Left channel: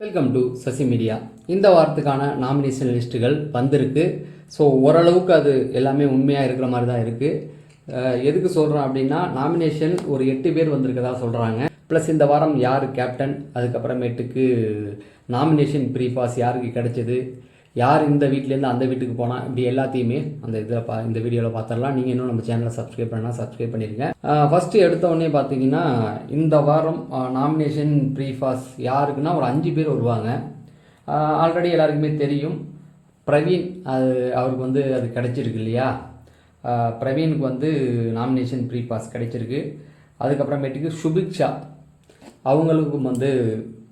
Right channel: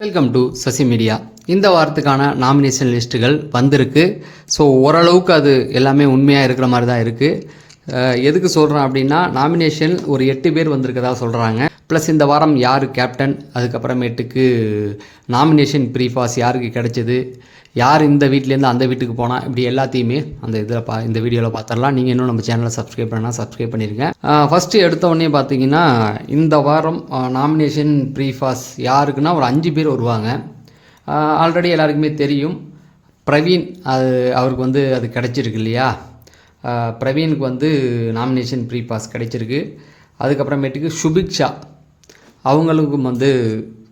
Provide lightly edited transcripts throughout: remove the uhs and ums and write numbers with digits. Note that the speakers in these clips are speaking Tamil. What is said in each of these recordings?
Welcome to Sasi media. இந்த வாரத்துக்கான நாமினேஷன் லிஸ்ட்டுகள் வந்திருக்கு. ஸோ ஓரளவுக்கு அது எல்லாமே உண்மையாக இருக்கிற மாதிரி தான் இருக்குது. எதுக்கு சொல்கிறேன் அப்படின்னா, நாமினேஷன் ஒரு 8 பேர் வந்திருக்கதா சொல்கிறாங்க. ப்ளஸ் இந்த வாரம் யார் கேப்டன், அதுக்கப்புறமேட்டுக்கு நாமினேஷன் ப்ரீஃபாஸ் யாருக்கு கிடைச்சது, யார் இந்த வீட்டிலேருந்து அந்த வீட்டுக்கு போனால், இப்படி எல்லாத்தையுமே அந்த இதில் இந்த வீடியோவில் பார்த்துடலாம். நீங்கள் இன்னும் நம்ம சேனலை சப்ஸ்கிரைப் பண்ணால் சப்ஸ்கிரைப் பண்ணிடுங்க. ஃபஸ்ட்டு எடுத்தோடனே பார்த்தீங்கன்னா, இந்த வாரம் நாமினேஷன் ப்ரீஃபாஸ் யாருக்குன்னா ஒரு 5 பேர் வருவாங்க. ஆல்ரெடி எல்லாருக்குமே தெரியும். பிரவீன், அவருக்கு வந்து அது கிடைச்சிருக்கு இல்லையா. பிரவீனுக்கு நாமினேஷன் ப்ரீஃபாஸ் கிடைச்சிருக்கு. அதுக்கப்புறமேட்டுக்கு சுபிக்ஷா அவங்களுக்கும்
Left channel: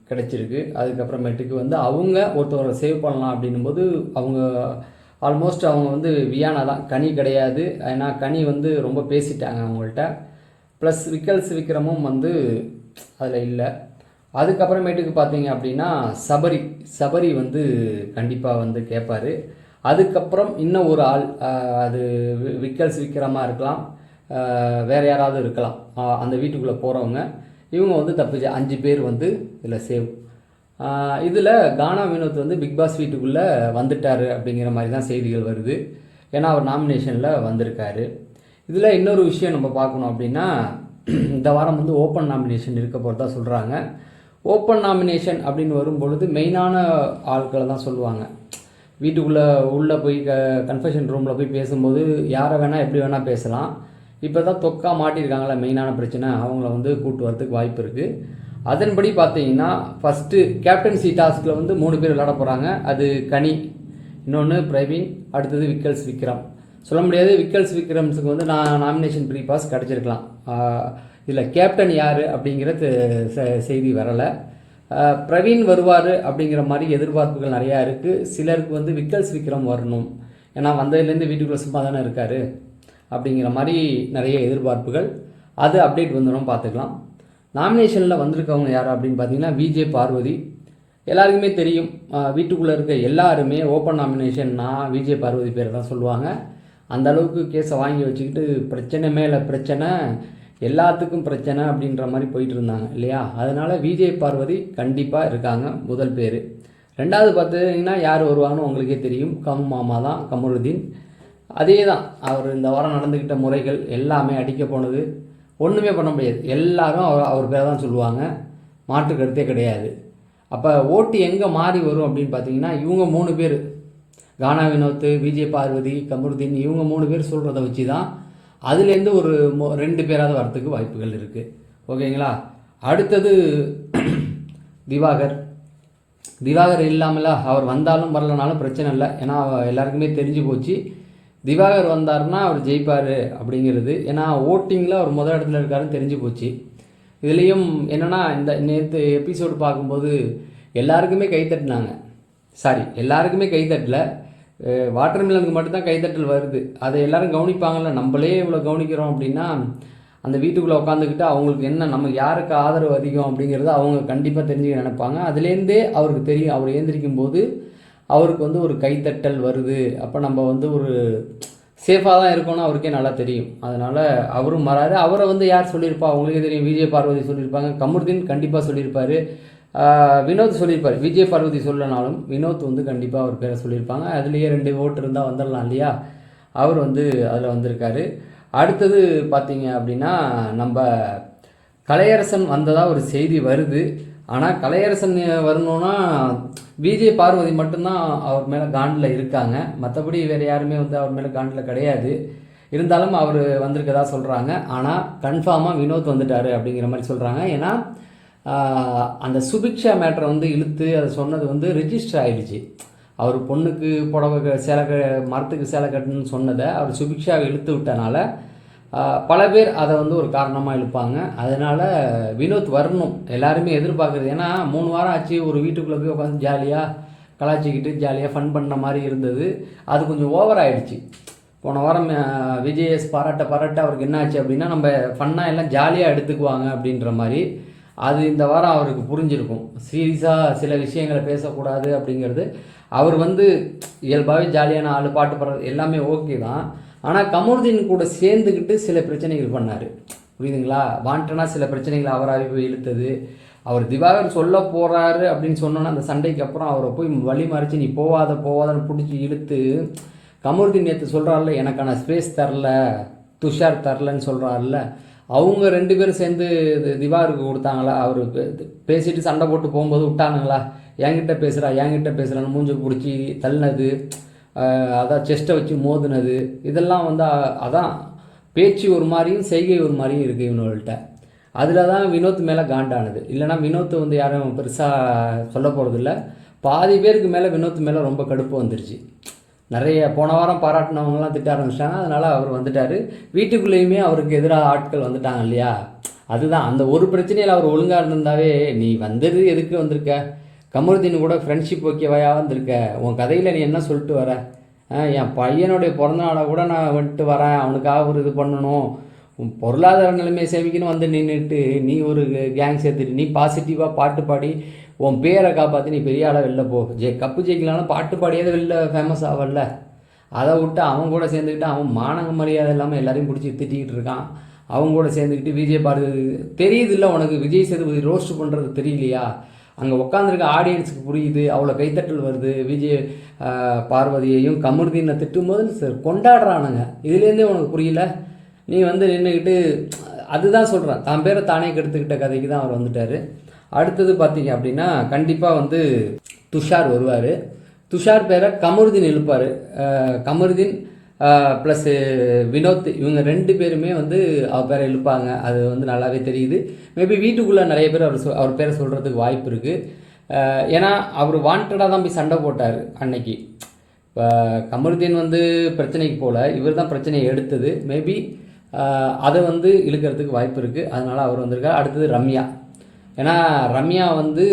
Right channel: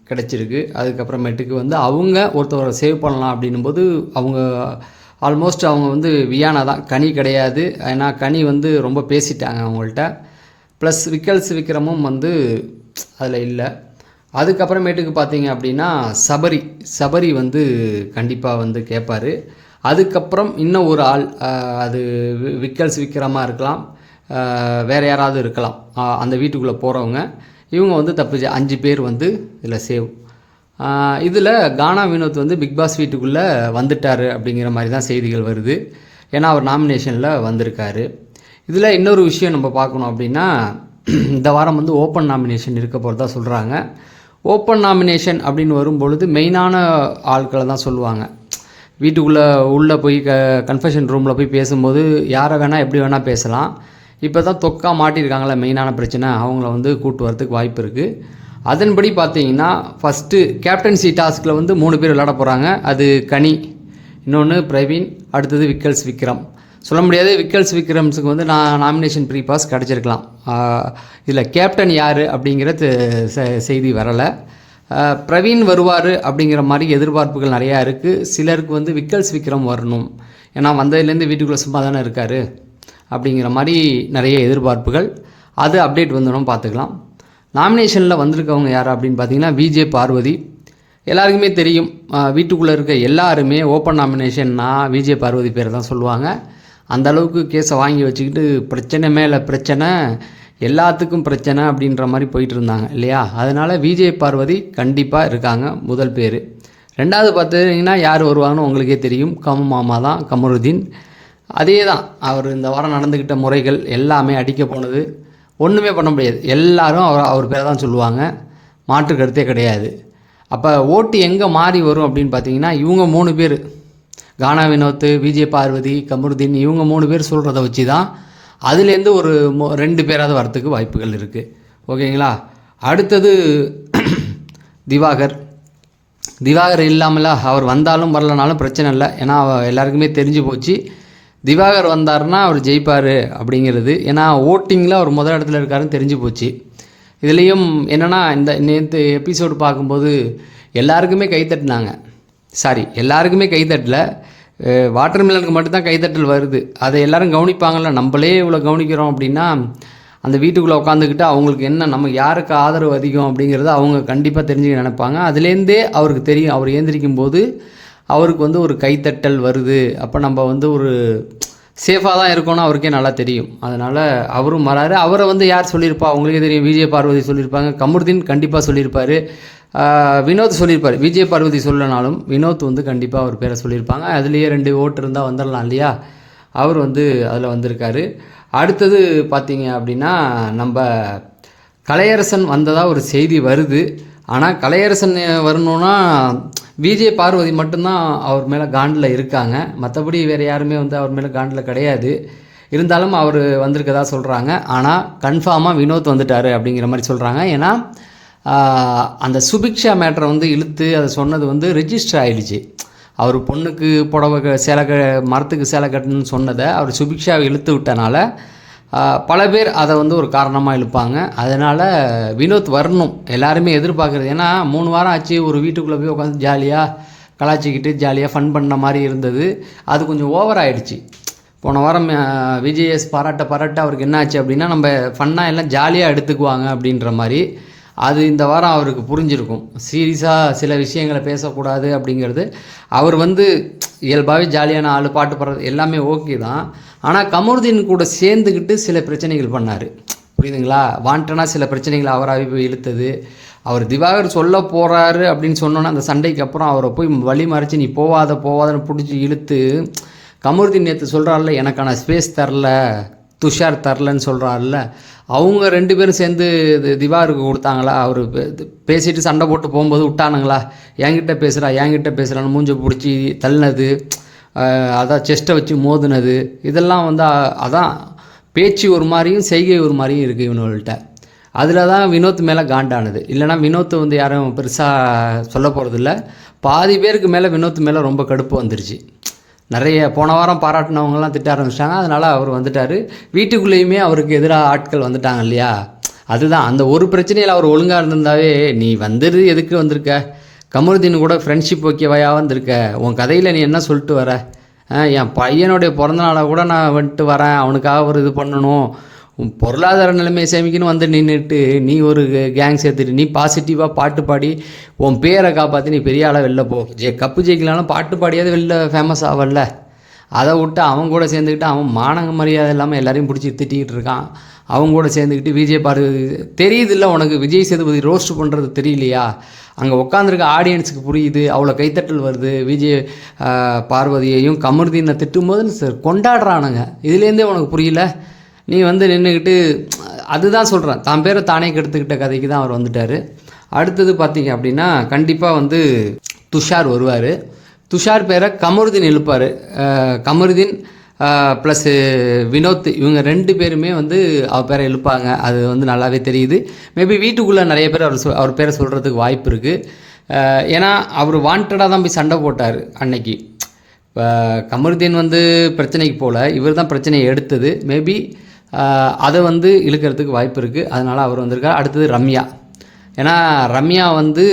கிடச்சிருக்கு. அதுக்கப்புறமேட்டுக்கு அவங்க ஒருத்தவரை சேவ் பண்ணலாம் அப்படின்னும்போது அவங்க ஆல்மோஸ்ட் அவங்க வியானா தான், கனி கிடையாது. ஏன்னா கனி ரொம்ப பேசிட்டாங்க அவங்கள்ட்ட. ப்ளஸ் விக்ரமும் அதில் இல்லை. அதுக்கப்புறமேட்டுக்கு பார்த்தீங்க அப்படின்னா சபரி கண்டிப்பாக கேட்பார். அதுக்கப்புறம் இன்னும் ஒரு ஆள், அது விக்ரமாக இருக்கலாம், வேறு யாராவது இருக்கலாம். அந்த வீட்டுக்குள்ளே போகிறவங்க இவங்க தப்பிச்சு 5 பேர் இதில் சேவ். இதில் கானா வினோத் பிக் பாஸ் வீட்டுக்குள்ளே வந்துட்டார் அப்படிங்கிற மாதிரி தான் செய்திகள் வருது. ஏன்னா அவர் நாமினேஷனில் வந்திருக்காரு. இதில் இன்னொரு விஷயம் நம்ம பார்க்கணும் அப்படின்னா, இந்த வாரம் ஓப்பன் நாமினேஷன் இருக்க போகிறதா சொல்கிறாங்க. ஓப்பன் நாமினேஷன் அப்படின்னு வரும்பொழுது மெயினான ஆட்களை தான் சொல்லுவாங்க. உள்ளே போய் கன்ஃபெஷன் ரூமில் போய் பேசும்போது யாரை வேணால் எப்படி வேணால் பேசலாம். இப்போ தான் தொக்கா மாட்டியிருக்காங்களே, மெயினான பிரச்சனை, அவங்கள கூட்டு வரத்துக்கு வாய்ப்பு இருக்குது. அதன்படி பார்த்தீங்கன்னா, ஃபஸ்ட்டு கேப்டன்சி டாஸ்கில் 3 பேர் விளையாட போகிறாங்க. அது கனி, இன்னொன்று பிரவீன், அடுத்தது விக்ரம். சொல்ல முடியாது, விக்ரம்ஸுக்கு நான் நாமினேஷன் ப்ரீபாஸ் கிடச்சிருக்கலாம். இதில் கேப்டன் யார் அப்படிங்கிற செய்தி வரலை. பிரவீன் வருவார் அப்படிங்கிற மாதிரி எதிர்பார்ப்புகள் நிறையா இருக்குது. சிலருக்கு விக்ரம் வரணும், ஏன்னா வந்ததுலேருந்து வீட்டுக்குள்ளே சும்மா தானே இருக்கார் அப்படிங்கிற மாதிரி நிறைய எதிர்பார்ப்புகள். அது அப்டேட் வந்துடும், பார்த்துக்கலாம். நாமினேஷனில் வந்திருக்கவங்க யார் அப்படின்னு பார்த்தீங்கன்னா, விஜே பார்வதி. எல்லாருக்குமே தெரியும், வீட்டுக்குள்ளே இருக்க எல்லாருமே ஓப்பன் நாமினேஷன்னா விஜே பார்வதி பேரை தான் சொல்லுவாங்க. அந்த அளவுக்கு கேஸை வாங்கி வச்சுக்கிட்டு பிரச்சனை மேலே பிரச்சனை, எல்லாத்துக்கும் பிரச்சனை அப்படின்ற மாதிரி போயிட்டு இருந்தாங்க இல்லையா. அதனால் விஜே பார்வதி கண்டிப்பாக இருக்காங்க, முதல் பேர். ரெண்டாவது பார்த்தீங்கன்னா யார் வருவாங்கன்னு உங்களுக்கே தெரியும், மாமா தான், கமருதீன். அதே தான், அவர் இந்த வாரம் நடந்துக்கிட்ட முறைகள் எல்லாமே அடிக்க போனது, ஒன்றுமே பண்ண முடியாது. எல்லாரும் அவர் பேரை தான் சொல்லுவாங்க, மாற்று கருத்தே கிடையாது. அப்போ ஓட்டு எங்கே மாறி வரும் அப்படின்னு பார்த்தீங்கன்னா, இவங்க 3 பேர், கானா வினோத், விஜே பார்வதி, கமருதீன், இவங்க 3 பேர் சொல்கிறத வச்சு தான் அதுலேருந்து ஒரு 2 பேராவது வரத்துக்கு வாய்ப்புகள் இருக்குது. ஓகேங்களா. அடுத்தது திவாகர் இல்லாமல் அவர் வந்தாலும் வரலனாலும் பிரச்சனை இல்லை. ஏன்னா எல்லாருக்குமே தெரிஞ்சு போச்சு, திவாகர் வந்தார்னா அவர் ஜெயிப்பார் அப்படிங்கிறது. ஏன்னா ஓட்டிங்கில் அவர் முதல் இடத்துல இருக்காருன்னு தெரிஞ்சு போச்சு. இதுலேயும் என்னென்னா, இந்த நேற்று எபிசோடு பார்க்கும்போது எல்லாருக்குமே கைத்தட்டினாங்க. எல்லாருக்குமே கைத்தட்டல, வாட்டர்மெலனுக்கு மட்டும்தான் கைத்தட்டல் வருது. அதை எல்லோரும் கவனிப்பாங்கள்ல. நம்மளே இவ்வளோ கவனிக்கிறோம் அப்படின்னா, அந்த வீட்டுக்குள்ளே உட்காந்துக்கிட்டு அவங்களுக்கு என்ன, நமக்கு யாருக்கு ஆதரவு அதிகம் அப்படிங்கிறத அவங்க கண்டிப்பாக தெரிஞ்சுக்க நினைப்பாங்க. அதுலேருந்தே அவருக்கு தெரியும், அவர் ஏந்திரிக்கும் போது அவருக்கு ஒரு கைத்தட்டல் வருது. அப்போ நம்ம ஒரு சேஃபாக தான் இருக்கோன்னு அவருக்கே நல்லா தெரியும். அதனால் அவரும் வராரு. அவரை யார் சொல்லியிருப்பா, அவங்களுக்கே தெரியும். விஜய் பார்வதி சொல்லியிருப்பாங்க, கமருதீன் கண்டிப்பாக சொல்லியிருப்பார், வினோத் சொல்லியிருப்பார். விஜய் பார்வதி சொல்லனாலும் வினோத் கண்டிப்பாக அவர் பேரை சொல்லியிருப்பாங்க. அதுலேயே 2 ஓட்டு இருந்தால் வந்துடலாம் இல்லையா. அவர் அதில் வந்திருக்காரு. அடுத்தது பார்த்தீங்க அப்படின்னா, நம்ம கலையரசன் வந்ததாக ஒரு செய்தி வருது. ஆனால் கலையரசன் வரணுன்னா விஜய் பார்வதி மட்டும்தான் அவர் மேலே காண்டில் இருக்காங்க. மற்றபடி வேறு யாருமே அவர் மேலே காண்டில் கிடையாது. இருந்தாலும் அவர் வந்திருக்கதா சொல்கிறாங்க. ஆனால் கன்ஃபார்மாக வினோத் வந்துட்டார் அப்படிங்கிற மாதிரி சொல்கிறாங்க. ஏன்னா அந்த சுபிக்ஷா மேட்டரை இழுத்து அதை சொன்னது ரெஜிஸ்டர் ஆகிடுச்சு. அவர் பொண்ணுக்கு புடவை மரத்துக்கு சேலை கட்டணும்னு சொன்னதை அவர் சுபிக்ஷாவை இழுத்து விட்டனால பல பேர் அதை ஒரு காரணமாக இழுப்பாங்க. அதனால் வினோத் வரணும் எல்லாருமே எதிர்பார்க்குறது. ஏன்னா 3 வாரம் ஆச்சு, ஒரு வீட்டுக்குள்ளே போய் உட்காந்து ஜாலியாக கலாச்சிக்கிட்டு ஜாலியாக ஃபன் பண்ண மாதிரி இருந்தது. அது கொஞ்சம் ஓவர் ஆகிடுச்சு. போன வாரம் விஜேஎஸ் பாராட்ட அவருக்கு என்ன ஆச்சு அப்படின்னா, நம்ம ஃபன்னாக எல்லாம் ஜாலியாக எடுத்துக்குவாங்க அப்படின்ற மாதிரி. அது இந்த வாரம் அவருக்கு புரிஞ்சிருக்கும். சீரியஸாக சில விஷயங்களை பேசக்கூடாது அப்படிங்கிறது. அவர் இயல்பாகவே ஜாலியான ஆள், பாட்டு பாடுறது எல்லாமே ஓகே தான். ஆனால் கமருதீன் கூட சேர்ந்துக்கிட்டு சில பிரச்சனைகள் பண்ணார், புரியுதுங்களா. வாண்டனா சில பிரச்சனைகளை அவராகவே போய் இழுத்தது, அவர் திவாகர் சொல்ல போகிறாரு அப்படின்னு சொன்னோன்னா அந்த சண்டைக்கு அப்புறம் அவரை போய் வழி மறைச்சி நீ போவாதன்னு பிடிச்சி இழுத்து கமருதீன் நேற்று சொல்கிறாள்ல எனக்கான ஸ்பேஸ் தரல துஷார் தரலன்னு சொல்கிறாள்ல அவங்க 2 பேரும் சேர்ந்து திவாகருக்கு கொடுத்தாங்களா? அவர் பேசிட்டு சண்டை போட்டு போகும்போது விட்டானுங்களா? என்கிட்ட பேசுகிறான்னு மூஞ்சை பிடிச்சி தள்ளினது, அதான் செஸ்ட்டை வச்சு மோதுனது, இதெல்லாம் வந்து அதான் பேச்சு ஒரு மாதிரியும் செய்கை ஒரு மாதிரியும் இருக்குது இவனுங்கள்ட்ட. அதில் தான் வினோத் மேலே காண்டானது. இல்லைனா வினோத் வந்து யாரும் பெருசாக சொல்ல போகிறதில்ல. பாதி பேருக்கு மேலே வினோத் மேலே ரொம்ப கடுப்பு வந்துருச்சு. நிறைய போன வாரம் பாராட்டினவங்கலாம் திட்ட ஆரம்பிச்சிட்டாங்க. அதனால் அவர் வந்துட்டார். வீட்டுக்குள்ளேயுமே அவருக்கு எதிராக ஆட்கள் வந்துட்டாங்க இல்லையா? அதுதான் அந்த ஒரு பிரச்சனையில் அவர் ஒழுங்காக இருந்திருந்தாவே நீ வந்துடு எதுக்கு வந்திருக்க, கமருதீன் கூட ஃப்ரெண்ட்ஷிப் ஓகேவாயா வந்திருக்க, உன் கதையில் நீ என்ன சொல்லிட்டு வர, என் பையனுடைய பிறந்தநாளை கூட நான் வந்துட்டு வரேன், அவனுக்காக ஒரு இது பண்ணணும், பொருளாதார நிலைமையை சேமிக்கணும் வந்து நின்றுட்டு நீ ஒரு கேங் சேர்த்துட்டு நீ பாசிட்டிவாக பாட்டு பாடி உன் பேரை காப்பாற்றி நீ பெரிய ஆளாக வெளில போ, கப்பு ஜெயிக்கலாலும் பாட்டு பாடியாவது வெளில ஃபேமஸ் ஆகல. அதை விட்டு அவங்க கூட சேர்ந்துக்கிட்டு அவன் மானங்க மரியாதை இல்லாமல் எல்லாரையும் பிடிச்சி திட்டிக்கிட்டு இருக்கான். அவங்க கூட சேர்ந்துக்கிட்டு விஜய் தெரியுதில்ல உனக்கு, விஜய் சேதுபதி ரோஸ்ட் பண்ணுறது தெரியலையா? அங்கே உட்காந்துருக்க ஆடியன்ஸுக்கு புரியுது, அவ்வளோ கைத்தட்டல் வருது. விஜய் பார்வதியையும் கமருதீனை திட்டும்போது கொண்டாடுறானுங்க. இதுலேருந்தே உனக்கு புரியல? நீ வந்து நின்றுக்கிட்டு அதுதான் சொல்கிறேன், தான் பேரை தானே கெடுத்துக்கிட்ட கதைக்கு தான் அவர் வந்துட்டார். அடுத்தது பார்த்தீங்க அப்படின்னா கண்டிப்பாக வந்து துஷார் வருவார். துஷார் பேரை கமருதீன் எழுப்பார். கமருதீன் ப்ளஸ் வினோத் இவங்க 2 பேருமே வந்து அவர் பேரை எழுப்பாங்க. அது வந்து நல்லாவே தெரியுது. மேபி வீட்டுக்குள்ளே நிறைய பேர் அவர் பேரை சொல்கிறதுக்கு வாய்ப்பு இருக்குது. ஏன்னா அவர் வாண்டடாக தான் போய் சண்டை போட்டார் அன்னைக்கு. இப்போ கமருதீன் வந்து பிரச்சனைக்கு போகல, இவர் தான் பிரச்சனையை எடுத்தது. மேபி அதை வந்து இழுக்கிறதுக்கு வாய்ப்பு இருக்குது. அதனால் அவர் வந்திருக்கார். அடுத்தது ரம்யா. ஏன்னா ரம்யா வந்து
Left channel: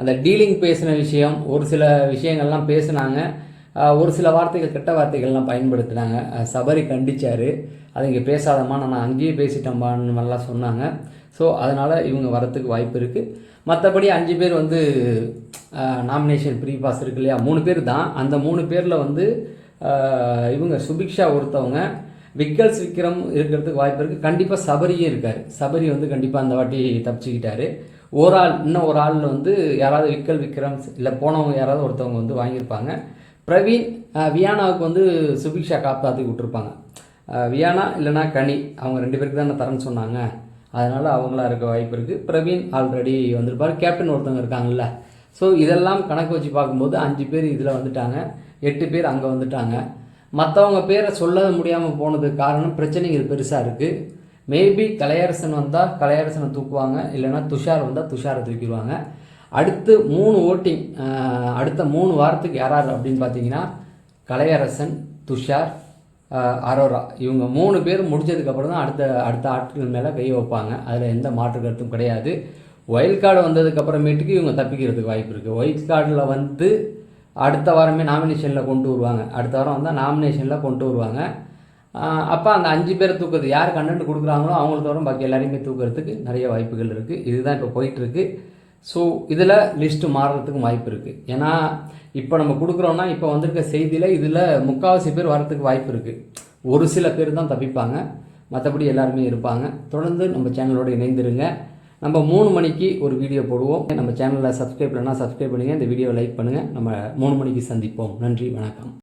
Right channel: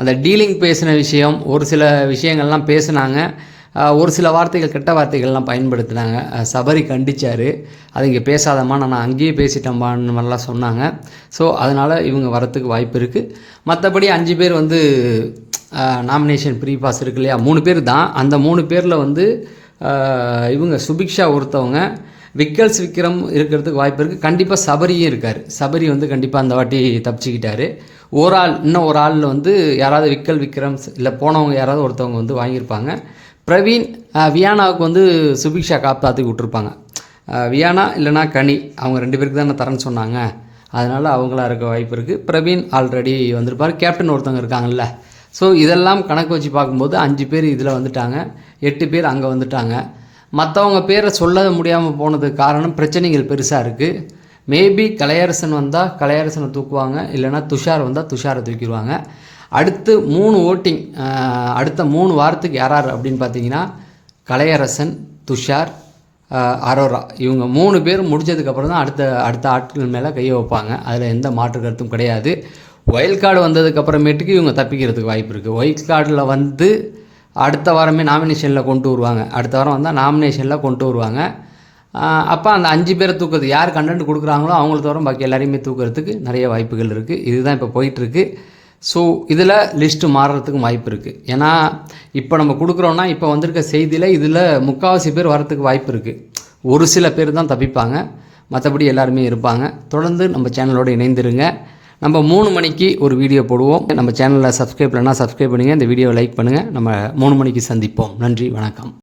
அந்த டீலிங் பேசின விஷயம், ஒரு சில விஷயங்கள்லாம் பேசுனாங்க, ஒரு சில வார்த்தைகள் கெட்ட வார்த்தைகள்லாம் பயன்படுத்தினாங்க. சபரி கண்டிச்சார், அதை இங்கே பேசாதம்மா நான் அங்கேயே பேசிட்டேம்மான்னு மாதிரிலாம் சொன்னாங்க. ஸோ அதனால் இவங்க வரத்துக்கு வாய்ப்பு இருக்குது. மற்றபடி 5 பேர் வந்து நாமினேஷன் ப்ரீ பாஸ் இருக்கு இல்லையா, 3 பேர் தான். அந்த 3 பேரில் வந்து இவங்க சுபிக்ஷா ஒருத்தவங்க, விக்ரம் இருக்கிறதுக்கு வாய்ப்பு இருக்குது. கண்டிப்பாக சபரியும் இருக்கார். சபரி வந்து கண்டிப்பாக அந்த வாட்டி தப்பிச்சுக்கிட்டார். இன்னும் ஒரு ஆளில் வந்து யாராவது விக்ரம் இல்லை போனவங்க யாராவது ஒருத்தவங்க வந்து வாங்கியிருப்பாங்க. பிரவீன், வியானாவுக்கு வந்து சுபிக்ஷா காப்பாற்றி விட்டுருப்பாங்க. வியானா இல்லைனா கனி, அவங்க 2 பேருக்கு தானே தரேன்னு சொன்னாங்க, அதனால் அவங்களா இருக்க வாய்ப்பு இருக்குது. பிரவீன் ஆல்ரெடி வந்திருப்பார். கேப்டன் ஒருத்தவங்க இருக்காங்கல்ல. ஸோ இதெல்லாம் கணக்கு வச்சு பார்க்கும்போது 5 பேர் இதில் வந்துட்டாங்க, 8 பேர் அங்கே வந்துட்டாங்க. மற்றவங்க பேரை சொல்ல முடியாமல் போனதுக்கு காரணம் பிரச்சனைகள் பெருசாக இருக்குது. மேபி கலையரசன் வந்தால் கலையரசனை தூக்குவாங்க, இல்லைனா துஷார் வந்தால் துஷாரை தூக்கிடுவாங்க. அடுத்து 3 ஓட்டிங், அடுத்த 3 வாரத்துக்கு யார் அப்படின்னு பார்த்தீங்கன்னா கலையரசன், துஷார், அரோரா, இவங்க 3 பேர் முடிஞ்சதுக்கப்புறம் தான் அடுத்த ஆட்கள் மேலே கையை வைப்பாங்க. அதில் எந்த மாற்று கருத்தும் கிடையாது. ஒயில்ட் கார்டு வந்ததுக்கப்புறமேட்டுக்கு இவங்க தப்பிக்கிறதுக்கு வாய்ப்பு இருக்குது. ஒயில்ட் கார்டில் வந்து அடுத்த வாரமே நாமினேஷனில் கொண்டு வருவாங்க. அடுத்த வாரம் வந்தால் நாமினேஷனில் கொண்டு வருவாங்க. அப்போ அந்த 5 பேரை தூக்குறது யார் கண்டென்ட் கொடுக்குறாங்களோ அவங்கள தவிர பாக்கி எல்லாரையுமே தூக்குறதுக்கு நிறைய வாய்ப்புகள் இருக்குது. இதுதான் இப்போ போயிட்டுருக்கு. ஸோ இதில் லிஸ்ட்டு மாறுறதுக்கு வாய்ப்பு இருக்குது. ஏன்னா இப்போ நம்ம கொடுக்குறோன்னா இப்போ வந்திருக்க செய்தியில் இதில் 3/4 பேர் வரத்துக்கு வாய்ப்பு இருக்குது. ஒரு சில பேர் தான் தப்பிப்பாங்க, மற்றபடி எல்லாருமே இருப்பாங்க. தொடர்ந்து நம்ம சேனலோடு இணைந்துருங்க. நம்ம 3 மணிக்கு ஒரு வீடியோ போடுவோம். நம்ம சேனலில் சப்ஸ்கிரைப் பண்ணால் சப்ஸ்கிரைப் பண்ணுங்கள், இந்த வீடியோவை லைக் பண்ணுங்கள். நம்ம 3 மணிக்கு சந்திப்போம். நன்றி, வணக்கம்.